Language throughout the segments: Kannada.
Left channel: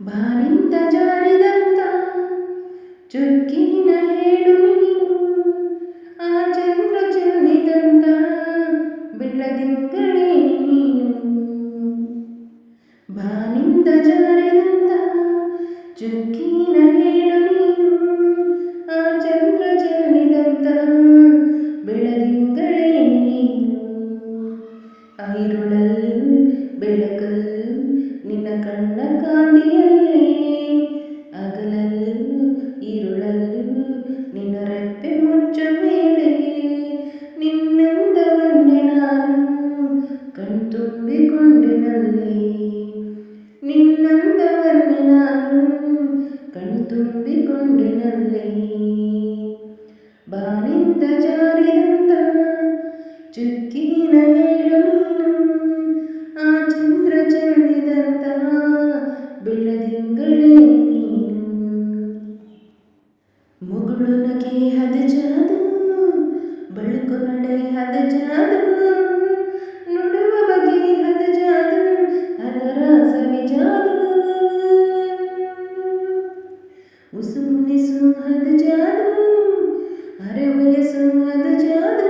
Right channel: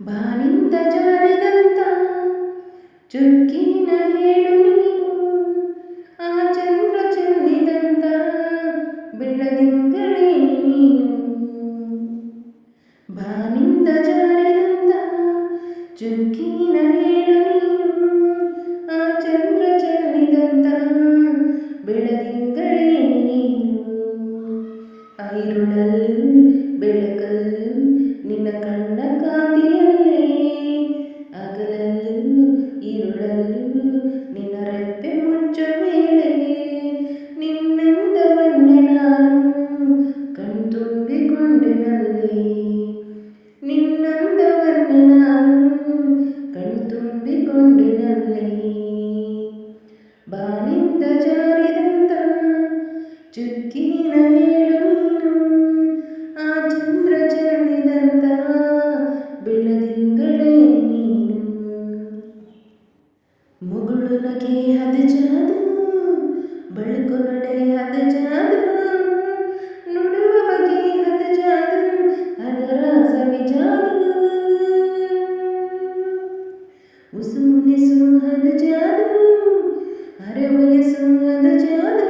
ಬಾನಿಂದ ಜಾರಿದಂತ ಚುಕ್ಕಿನ ಹೇಳು ನೀನು, ಆ ಚಂದ್ರ ಚೆಲ್ಲಿದಂತ ಬೆಳದಿಂಗಳೇ ನೀನು. ಬಾನಿಂದ ಜಾರಿದಂತ ಚುಕ್ಕಿನ ಹೇಳು ನೀನು, ಆ ಚಂದ್ರ ಚೆಲ್ಲಿದಂತ ಬೆಳದಿಂಗಳೇ ನೀನು. ಐರುಳಲ್ಲೂ ಬೆಳಕಲ್ಲೂ ನಿನ್ನ ಕಣ್ಣ ಕಾಂತಿಯಲ್ಲೇ, ಹಗಲಲ್ಲೂ ഇരുಳಲ್ಲೂ ನಿನ್ನ ರೆಪ್ಪೆ ಮುಚ್ಚ ವೇಳೆ, ನಿನ್ನಂದವನ್ನೇ ನಾನು ಕಣ್ತುಂಬಿಕೊಂಡೆನಲ್ಲೇ, ನಿನ್ನಂದವನ್ನೇ ನಾನು ಕಣ್ತುಂಬಿಕೊಂಡೆನಲ್ಲೇ. ಬಾನಿಂದ ಜಾರಿದಂತ ಚುಕ್ಕಿನ ಹೇಳು ನೀನು, ಆ ಚಂದ್ರ ಚೆಲ್ಲಿದಂತ ಬೆಳದಿಂಗಳೇ ನೀನು. ಮುಗುಳು ನಗೆ ಹದ ಜಾದು, ಬಳುಕು ನಡೆ ಹದ ಜಾದು, ನುಡುವ ಬಗೆ ಹದ ಜಾದು, ಅದರ ಸವಿಜಾದು. ಉಸು ಮುನಿಸು ಹದ ಜಾದು, ಅರೆ ವಯಸ್ಸು ಹದ ಜಾದು,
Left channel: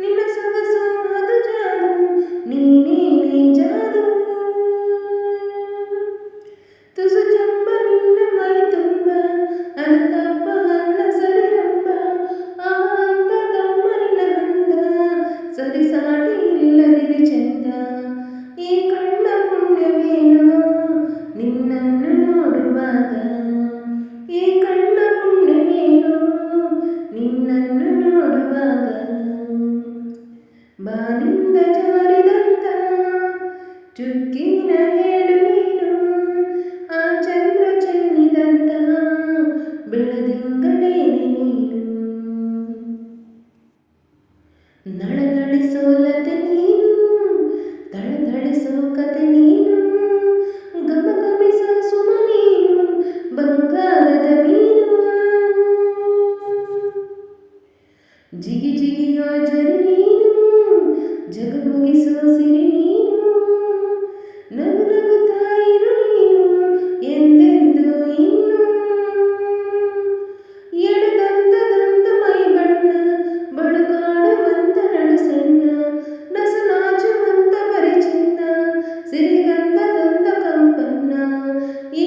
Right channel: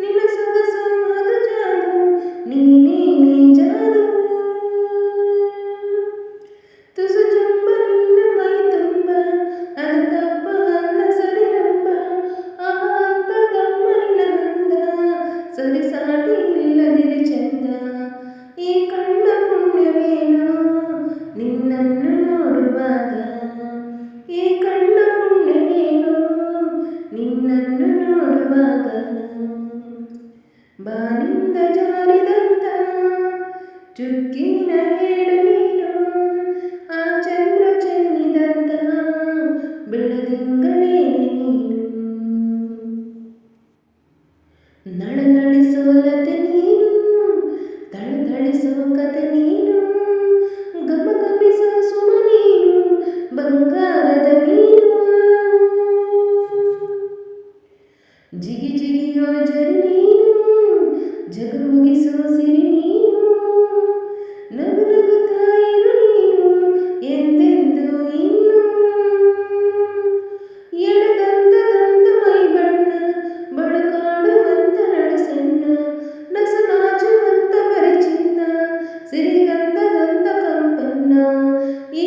ನಿನ್ನ ಸೊಗಸು ಹದ ಜಾದು, ನೀನೇ ಜಾದು. ತುಸು ಚಂಬ ನಿನ್ನ ಮೈ ತುಂಬ, ಅದು ತಪ್ಪ ಅಲ್ಲ ಸರಿರಂಬ, ಆ ಅಂತದಮ್ಮ ನಿನ್ನ ಹಂದ, ಸರಿಸಾಟಿ ಇಲ್ಲದಿರಿ ಚಂದ. ಈ ಕಣ್ಣ ಪುಣ್ಯವೇನೋ ನಿನ್ನನ್ನು ನೋಡುವಾಗ, ಈ ಕಣ್ಣ ಪುಣ್ಯವೇನೋ ನಿನ್ನನ್ನು ನೋಡುವಾಗ. ಬಾನಿಂದ ಜಾರಿದಂತ ಚುಕ್ಕಿನ ಹೇಳು ನೀನು, ಆ ಚಂದ್ರ ಚೆಲ್ಲಿದಂತ ಬೆಳದಿಂಗಳೇ ನೀನು. ನಳನಳಿಸೋ ಲತೆ ನೀನು, ಥಳಥಳಿಸೋ ಕತೆ ನೀನು, ಗಮಗಮಿಸೋ ಸುಮ ನೀನು, ಬಂಗಾರದ ಮೀನು. ಜಿಗಿ ಜಿಗಿಯೋ ಜರಿ ನೀನು, ಜಗಮಗಿಸೋ ಸಿರಿ ನೀನು, ನಗು ನಗುತ್ತಾ ಇರು ನೀನು ಎಂದೆಂದು ಇನ್ನು. ಎಡದಂತದಂತ ಮೈ ಬಣ್ಣ, ಬಳುಕಾಡುವಂತ ನಡು ಸಣ್ಣ, ನಸನಾಚುವಂತ ಪರಿಚಿನ್ನ, ಸಿರಿಗಂಧದಂತ ಕಂಪನ್ನ.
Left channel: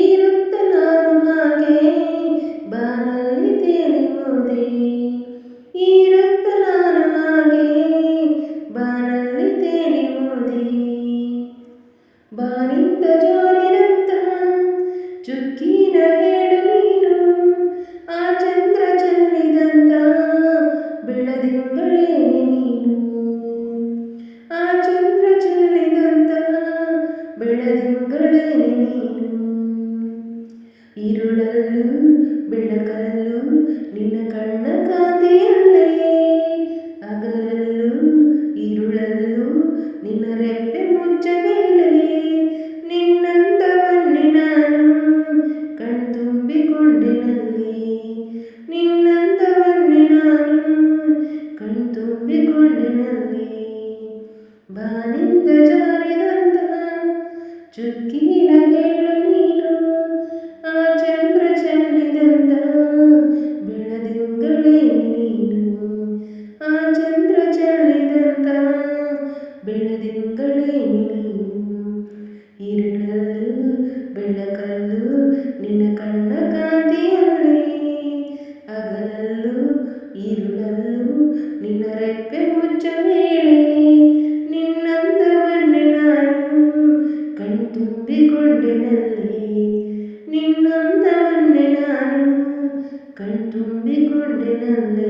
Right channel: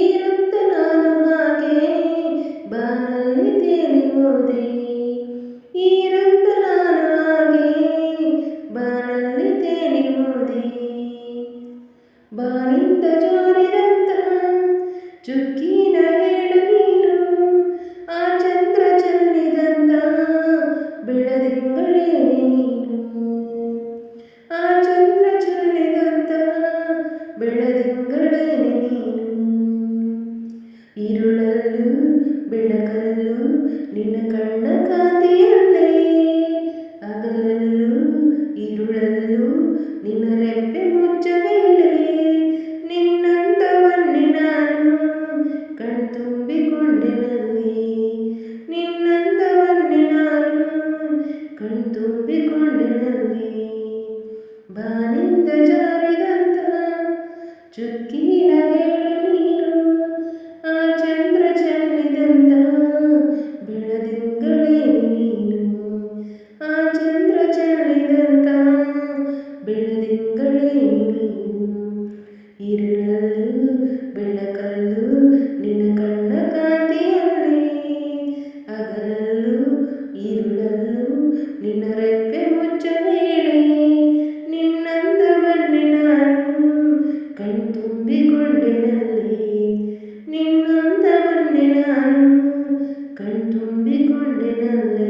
ಇರುತ್ತ ನಾನು ಹಾಗೆ ಬಾನಲ್ಲಿ ತೇಲಿ ಹೋದೆ, ಇರುತ್ತ ನಾನು ಹಾಗೆ ಬಾನಲ್ಲಿ ತೇಲಿ ಹೋದೆ. ಬಾನಿಂದ ಜಾರಿದಂತ ಚುಕ್ಕಿನ ಹೇಳು ನೀನು, ಆ ಚಂದ್ರ ಚೆಲ್ಲಿದಂತ ಬೆಳದಿಂಗಳೇ ನೀನು, ಆ ಚಂದ್ರ ಚೆಲ್ಲಿದಂತ ಬೆಳದಿಂಗಳೇ ನೀನು. ഇരുಳಲ್ಲೂ ಬೆಳಕಲ್ಲೂ ನಿನ್ನ ಕಣ್ಣ ಕಾಂತಿಯಲ್ಲೇ, ಹಗಲಲ್ಲೂ ഇരുಳಲ್ಲೂ ನಿನ್ನ ರೆಪ್ಪೆ ಮುಚ್ಚ ವೇಳೆ, ನಿನ್ನಂದವನ್ನೇ ನಾನು ಕಣ್ತುಂಬಿಕೊಂಡೆನಲ್ಲೇ, ನಿನ್ನಂದವನ್ನೇ ನಾನು ಕಣ್ತುಂಬಿಕೊಂಡೆನಲ್ಲೇ. ಬಾನಿಂದ ಜಾರಿದಂತ ಚುಕ್ಕಿನ ಹೇಳು ನೀನು, ಆ ಚಂದ್ರ ಚೆಲ್ಲಿದಂತ ಬೆಳದಿಂಗಳೇ ನೀನು, ಆ ಚಂದ್ರ ಚೆಲ್ಲಿದಂತ ಬೆಳದಿಂಗಳೇ ನೀನು. ഇരുಳಲ್ಲೂ ಬೆಳಕಲ್ಲೂ ನಿನ್ನ ಕಣ್ಣ ಕಾಂತಿಯಲ್ಲೇ, ಹಗಲಲ್ಲೂ ഇരുಳಲ್ಲೂ ನಿನ್ನ ರೆಪ್ಪೆ ಮುಚ್ಚ ವೇಳೆ, ನಿನ್ನಂದವನ್ನೇ ನಾನು ಕಣ್ತುಂಬಿಕೊಂಡೆನಲ್ಲೇ, ನಿನ್ನಂದವನ್ನೇ ನಾನು ಕಣ್ತುಂಬಿಕೊಂಡೆನಲ್ಲೇ.